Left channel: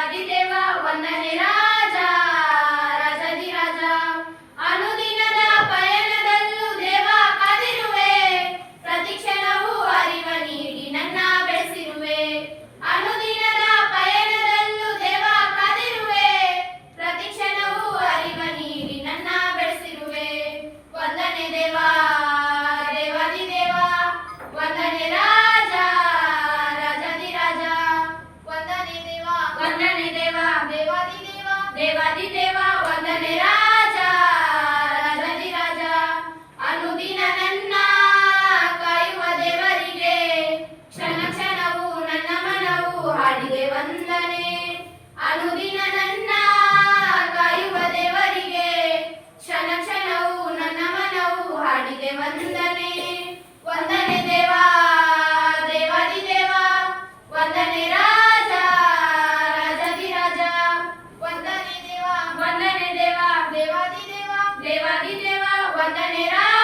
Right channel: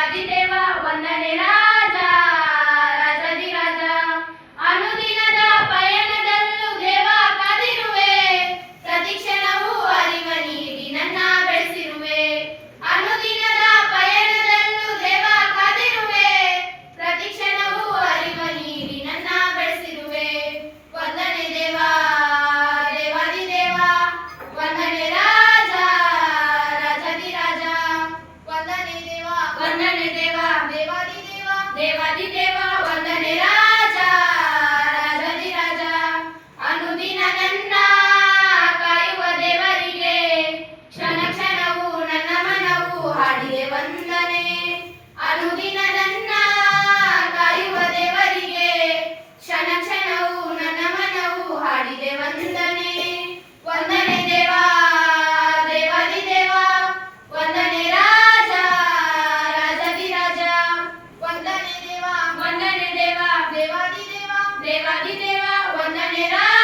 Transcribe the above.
ದೇವಾದಿದೇವ ವಂದನೆ ರಾಜ ರಾಜಾದಿರಾಜ ಅನುದಿನದ ಪಯಣದಲ್ಲೂ ದೇವ ಕಾದಿರುವೆ ಪ್ರತಿಕ್ಷಣವೂ ಅರಿವ ನೀಡಿ ನನ್ನ ಬೆಳೆಸಿರುವೆ ಅನುದಿನದ ಪಯಣದಲ್ಲೂ ದೇವ ಕಾದಿರುವೆ ಪ್ರತಿಕ್ಷಣವೂ ಅರಿವ ನೀಡಿ ನನ್ನ ಬೆಳೆಸಿರುವೆ ವಂದನೆ ದೇವ ದೇವಾದಿದೇವ ವಂದನೆ ರಾಜ ರಾಜಾದಿರಾಜ ವಂದನೆ ದೇವ ದೇವಾದಿದೇವ ದೇವಾದಿದೇವ ವಂದನೆ ರಾಜ ರಾಜಾದಿರಾಜ ಅನುದಿನ ನನ್ನ ಕಾಯುವ ದೇವರಿಗೆ ಕ್ಷಣ ಕ್ಷಣವೂ ನನ್ನ ಮನವು ಹಾಡಿದೆ ವಂದನೆ ಅನುದಿನ ನನ್ನ ಕಾಯುವ ದೇವರಿಗೆ ಕ್ಷಣ ಕ್ಷಣವೂ ನನ್ನ ಮನವು ಹಾಡಿದೆ ವಂದನೆ ವಂದನೆ ದೇವ ದೇವಾದಿದೇವ ವಂದನೆ ರಾಜ ರಾಜಾದಿರಾಜ ವಂದನೆ ದೇವ ದೇವಾದಿದೇವ ದೇವಾದಿದೇವ ವಂದನೆ ರಾಜ